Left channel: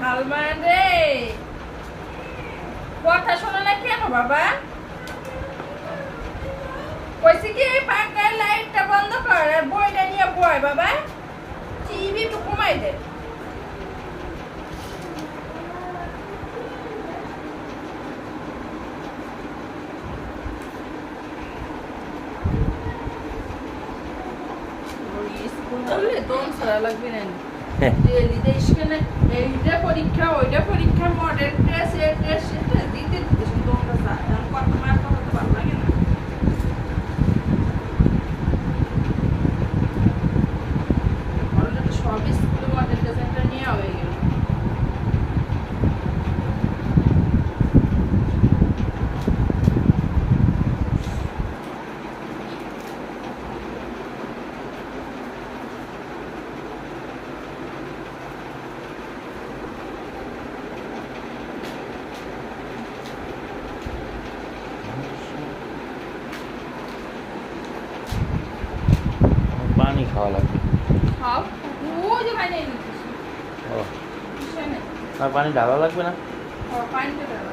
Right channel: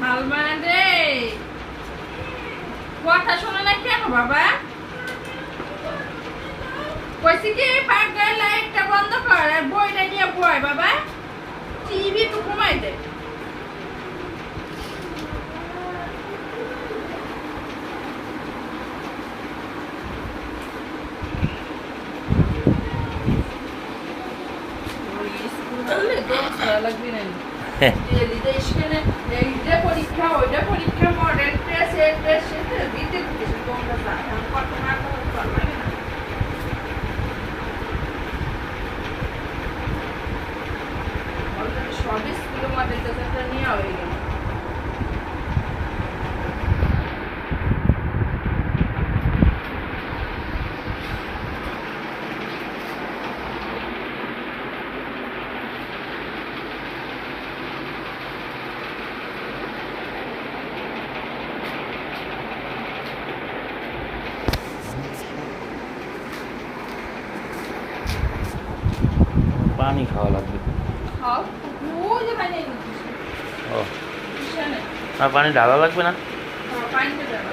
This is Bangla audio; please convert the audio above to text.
সালমান রে, কথা শোনে না কেন বাবা? কইছি কি এই পাখার লাইটটা বন্ধ কর আর বইটা নিয়ে বয় বাবা। টিভি তো কমাই দে। স্কুল করলে দম ছাড়া লাগবে না। ডেলিতে স্কুলে এইটা পরীক্ষা ওইটা পরীক্ষা মডেল টেস্ট এই টেস্ট সেটা দিতে কিছু তোমরা যায় কত না কত পারবে না। অলরেডি সব স্কুলের মডেল টেস্টটা নিয়ে হয়ে গেল। পানি খাওয়া লাগবে। খাও ওই যে পানি নিয়ে ও, কিসেনে আর পানি ঢালা লাগবে না? পানিটা দেবো।